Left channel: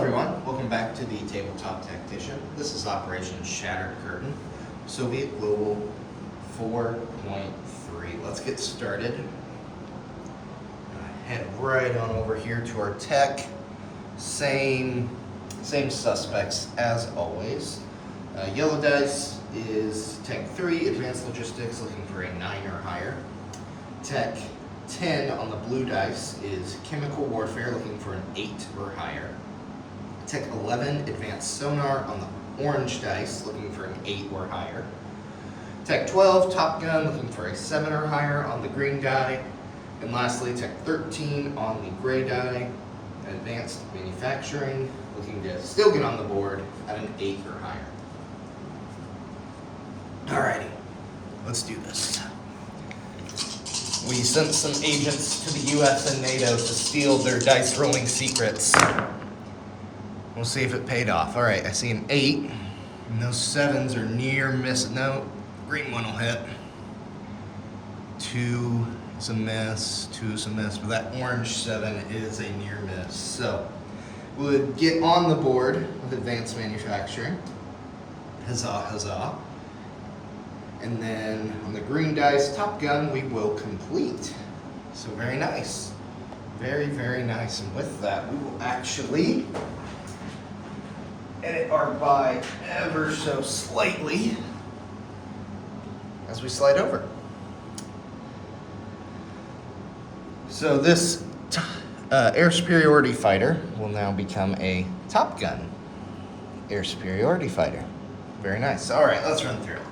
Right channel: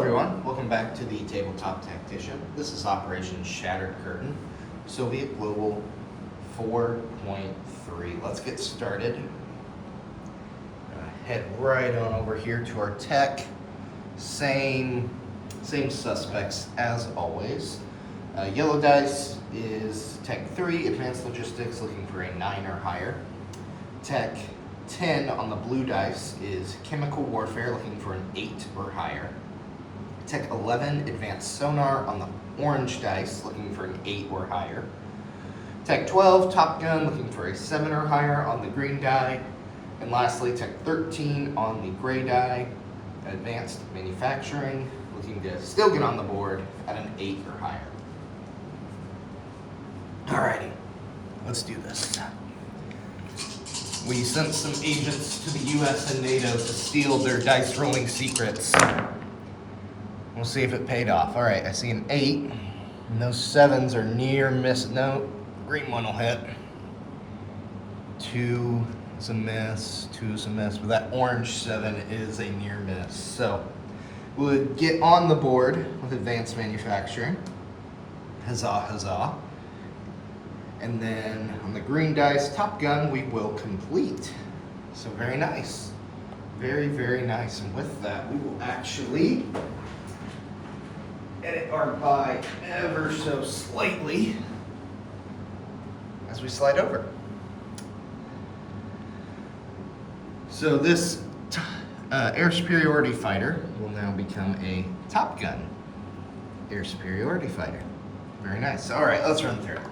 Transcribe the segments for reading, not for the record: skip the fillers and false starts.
everyone, welcome back to the Tabletop Tactician. This is Operation Shattered Curtain, Soviet Global 4.3. Let's get started. Head right on over here to our tech. Same suspects as always. Yellow dice is Tech 3, Advanced Logistics, looking for a 9 or higher. Tech 10 on the blue dice is Chemical Warfare, looking for an 8 or higher. Tech 11, Advanced Sonar on the orange dice, looking for an 8 or higher. Tech 12, Top Gun, looking for a 7 or higher on the green die. And lastly, Tech 13 on the gray die, Advanced Manufacturing, looking to still get on the board at an 8 or higher. Alrighty, let's do this. We sent some agents to the US and Nato to steal their dice rolling secrets. We'll see if it paid off. All right, I see an 8, and those 7s are near miss. No, green one will hit. 2 is a miss, 2 is a miss, but that orange 7 is a near miss. So we'll get on the board with Advanced Manufacturing. Huzzah, huzzah. And then on the green dice, Top Gun, we will complete. So very nice. Very, very nice. And with that, we will actually edit our buy ever so slightly as we slide over. So this air superiority fighter will now become a Top Gun air superiority fighter. Very nice. All right, let's run through it.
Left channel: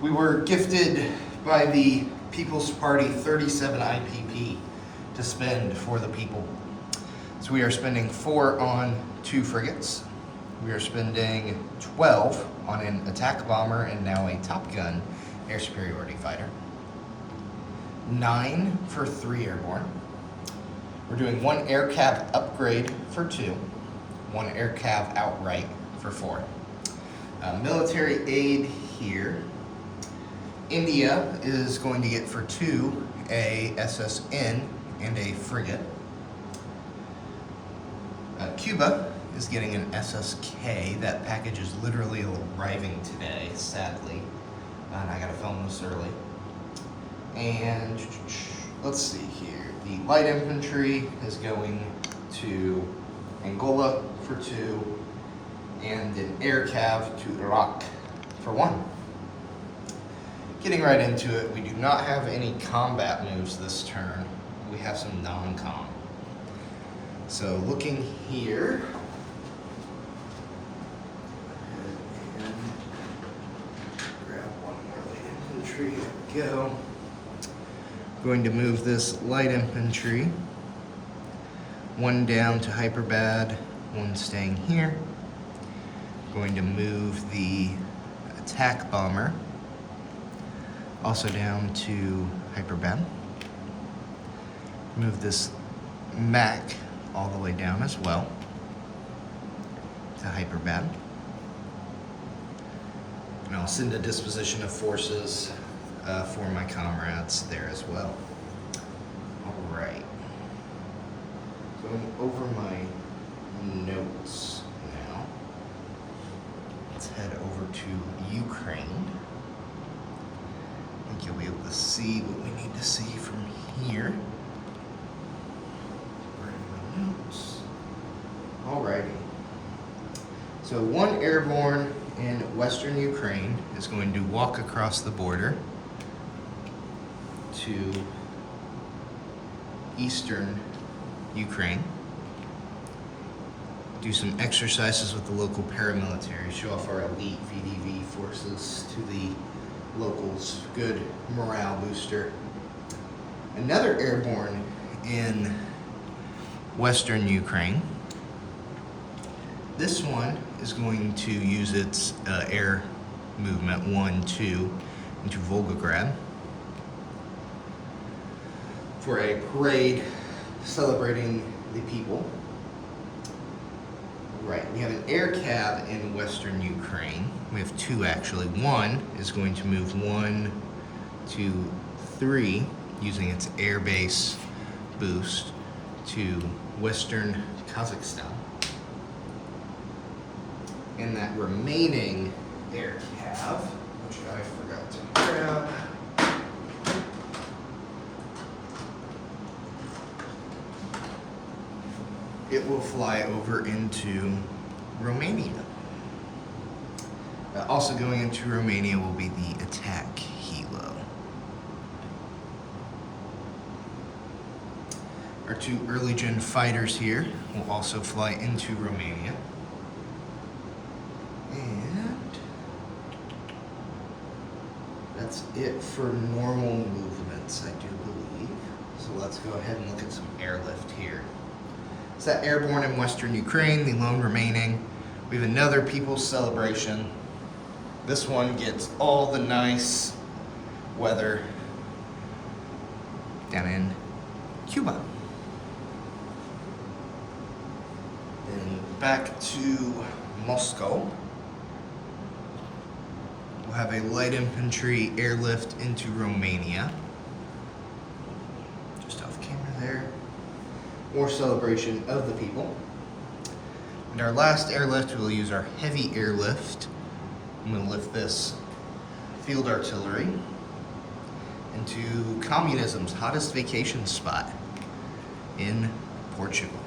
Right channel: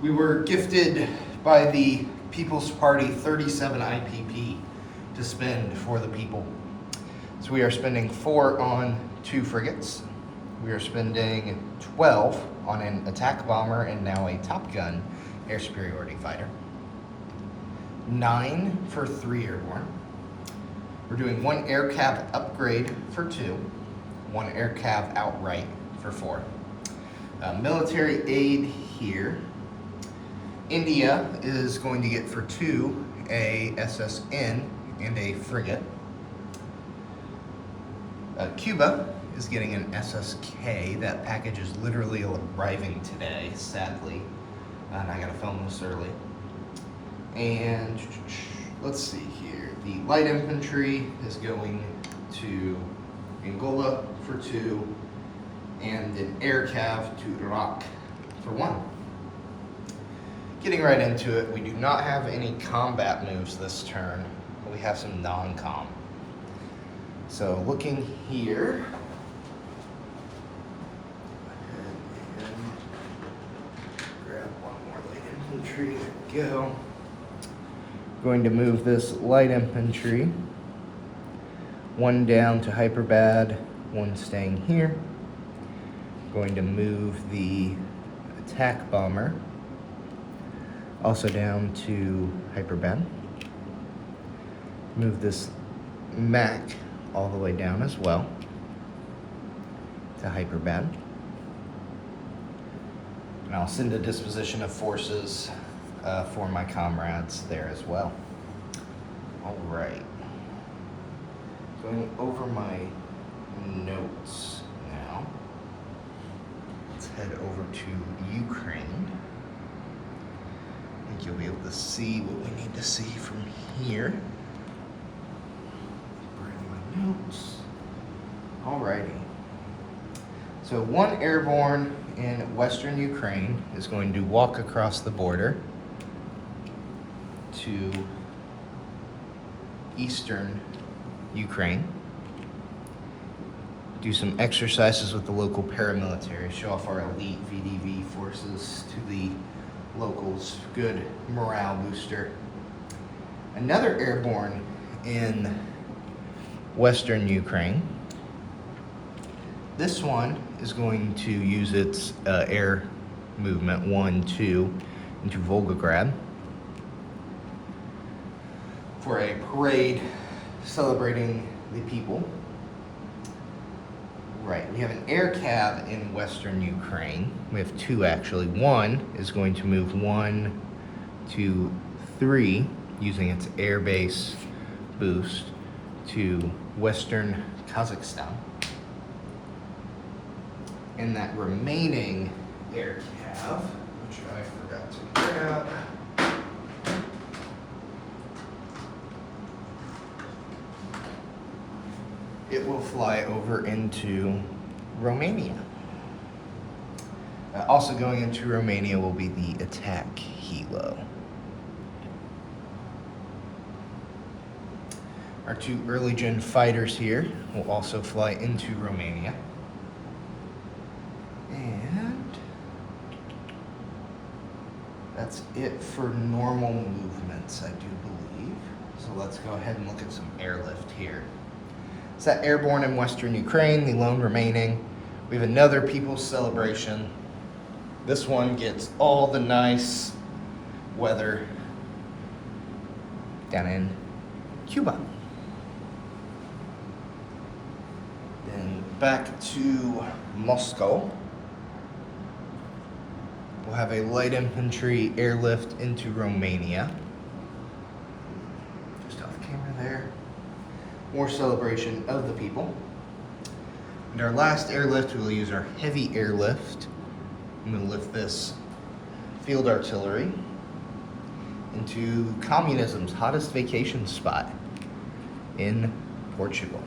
We were gifted by the People's Party 37 IPP to spend for the people. So we are spending 4 on 2 frigates. We are spending 12 on an attack bomber and now a Top Gun air superiority fighter. 9 for 3 airborne. We're doing 1 air cav upgrade for 2, 1 air cav outright for 4. Military aid here. India is going to get for 2 a SSN and a frigate. Cuba is getting an SSK. That package is literally arriving today, sadly. And I gotta film this early. And let's see here. The light infantry is going to Angola for 2, and an air cav to Iraq for 1. Getting right into it, we do not have any combat moves this turn. We have some non-com. So looking here, and grab one more light infantry. There we go. Going to move this light infantry. 1 down to Hyperbad, 1 staying here. Going to move the attack bomber also down to Hyperbad. Move this Mac all the way down as well to Hyperbad. And I'll send a disposition of forces for my comrades there as well. All right. Going over my notes now. Let's head over to Ukraine. I think you'll be able to see what we need to see from here. Notes. Alrighty. So 1 airborne in Western Ukraine is going to walk across the border to Eastern Ukraine. Do some exercises with the local paramilitary, show off our elite VDV forces to the locals. Good morale booster. Another airborne in Western Ukraine. This one is going to use its air movement 1-2 into Volgograd for a parade celebrating the people. Right, we have an air cav in Western Ukraine. We have 2 actually. 1 is going to move 1, 2, 3 using its airbase boost to Western Kazakhstan. in that remaining air cav, which I forgot to grab. It will fly over into Romania. Also going into Romania will be the attack helo. Our 2 early gen fighters here will also fly into Romania. And that's it for normal movements, I do believe. So let's go ahead and look at some airlift here. It's that airborne in Western Ukraine, the lone remaining. We have another People's Celebration. This one gets all the nice weather down in Cuba. And back to Moscow. We'll have a light infantry airlift into Romania. Just off camera there. More celebration of the people. And our last airlift, we'll use our heavy airlift. I'm going to lift this field artillery into communism's hottest vacation spot in Portugal.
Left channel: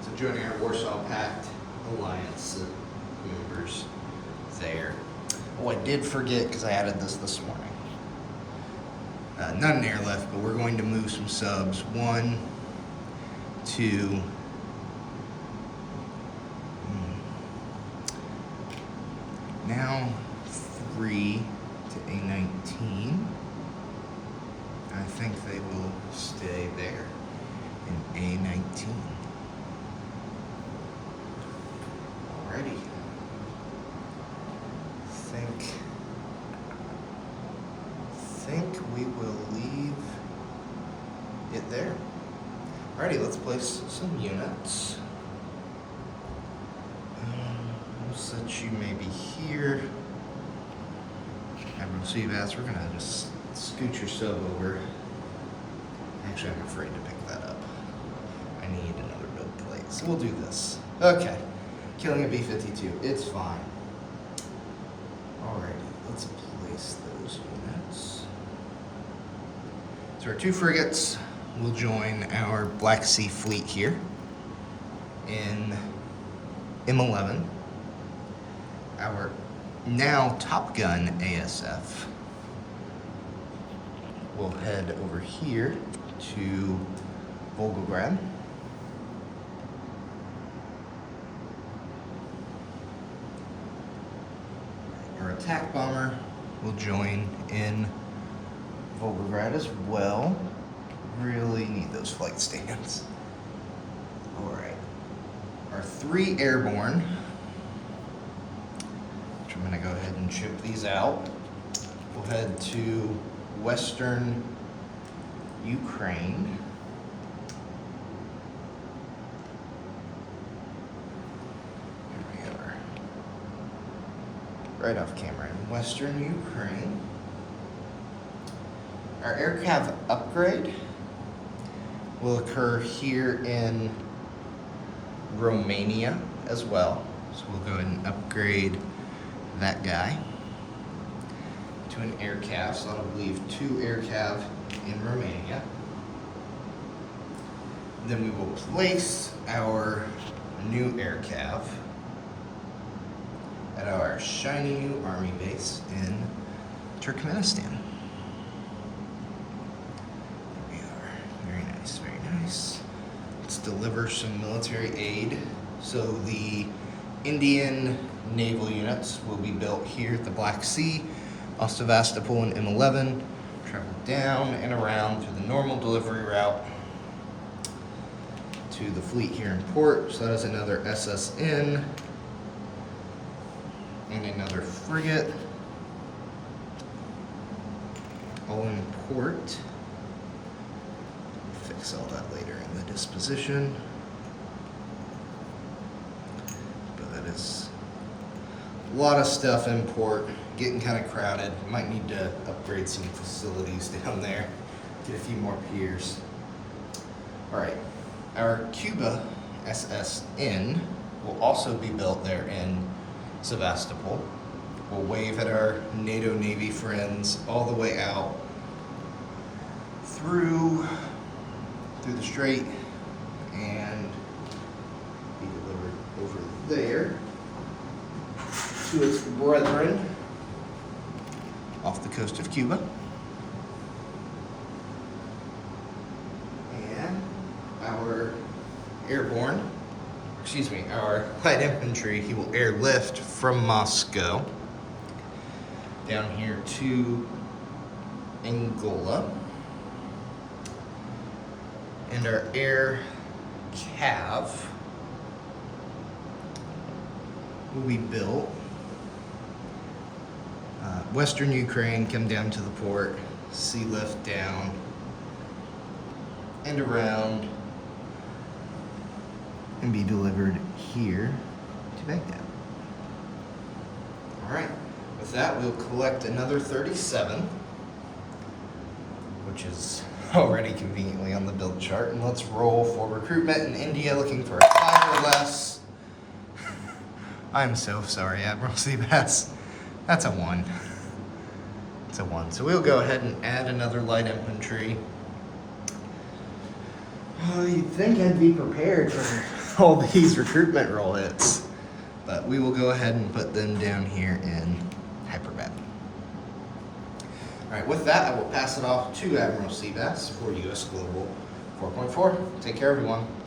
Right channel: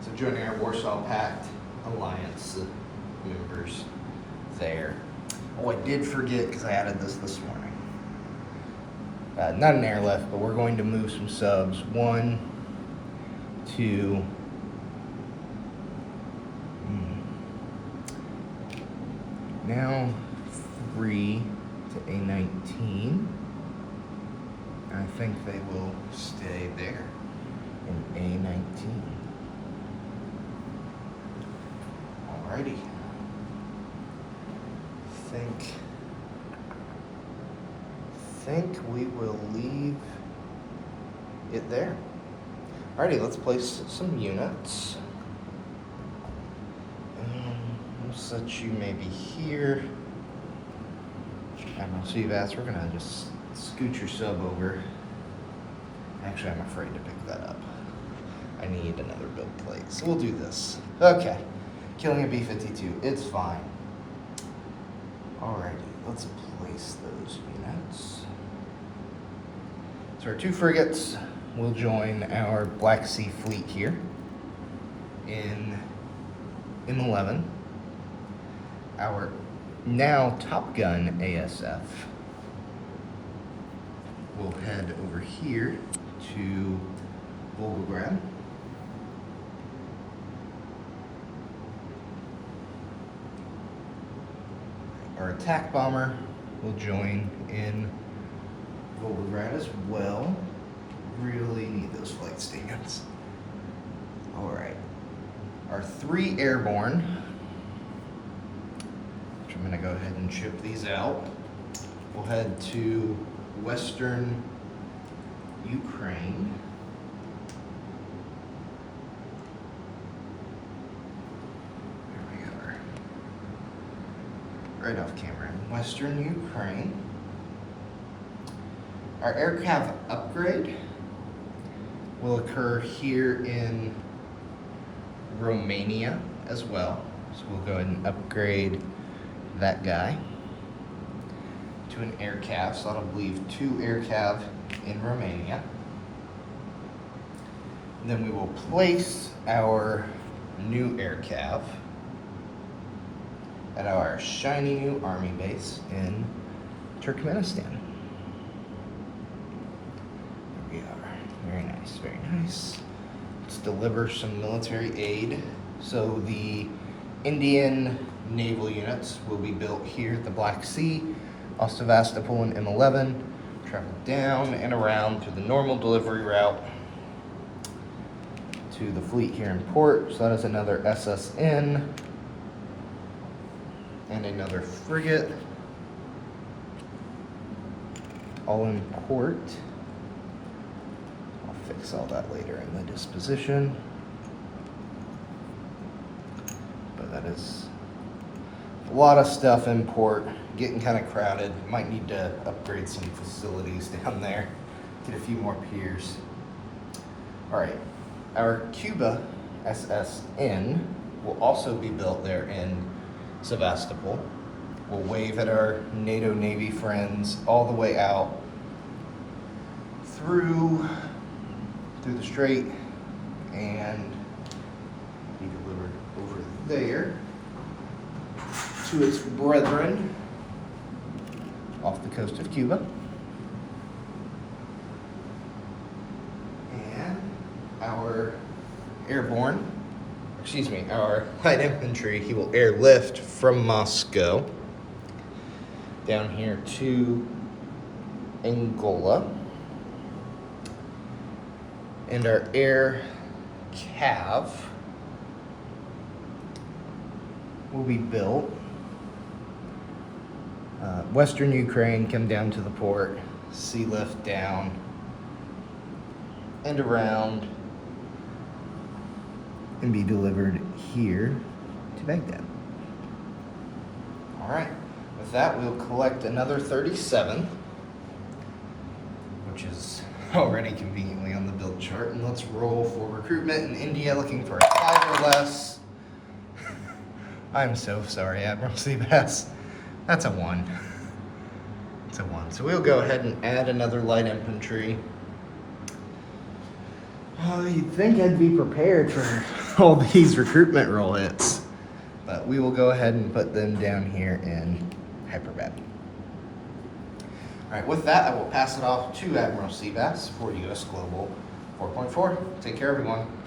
So joining our Warsaw Pact alliance members there. Oh, I did forget because I added this morning. Not an airlift, but we're going to move some subs. 1, 2, now 3 to A19. I think they will stay there in A19. Alrighty. Think we will leave it there. Alrighty, let's place some units. We'll set you maybe here. Admiral Seabass, we're gonna just scoot your sub over. Actually, I'm afraid to pick that up. I need another build plate, so we'll do this. Okay, killing a B-52, it's fine. Alrighty, let's place those units. So our 2 frigates will join our Black Sea fleet here in M11. Our now Top Gun ASF will head over here to Volgograd. Our attack bomber will join in Volgograd as well. Really need those flight stands. All right. Our 3 airborne, which I'm gonna go ahead and ship these out. We'll head to Western Ukraine. There we are. Right off camera in Western Ukraine. Our aircraft upgrade will occur here in Romania as well. So we'll go ahead and upgrade that guy to an air cav. So that'll leave 2 air cav in Romania. Then we will place our new air cav at our shiny new army base in Turkmenistan. There we are. Very nice, very nice. Let's deliver some military aid. So the Indian naval units will be built here at the Black Sea, off Sevastopol and M11, travel down and around to the normal delivery route to the fleet here in port. So that is another SSN and another frigate, all in port. I'll fix all that later in the disposition. But that is a lot of stuff in port, getting kind of crowded. Might need to upgrade some facilities down there, get a few more piers. All right, our Cuba SSN will also be built there in Sevastopol. We'll wave at our NATO Navy friends all the way out through the strait and be delivered over there to its brethren off the coast of Cuba. And our our light infantry, he will airlift from Moscow down here to Angola. And our air cav will be built. Western Ukraine, come down to the port, sea lift down and around, and be delivered here to Baghdad. All right, with that, we'll collect another 37, which is already conveniently on the build chart, and let's roll for recruitment in India, looking for a 5 or less. I'm so sorry, Admiral Seabass. That's a 1. It's a 1. So we'll go ahead and add another light infantry. You'd think I'd be prepared for all these recruitment roll hits, but we will go ahead and put them down here in hyperbad. All right, with that, I will pass it off to Admiral Seabass for US Global 4.4. Take care, everyone.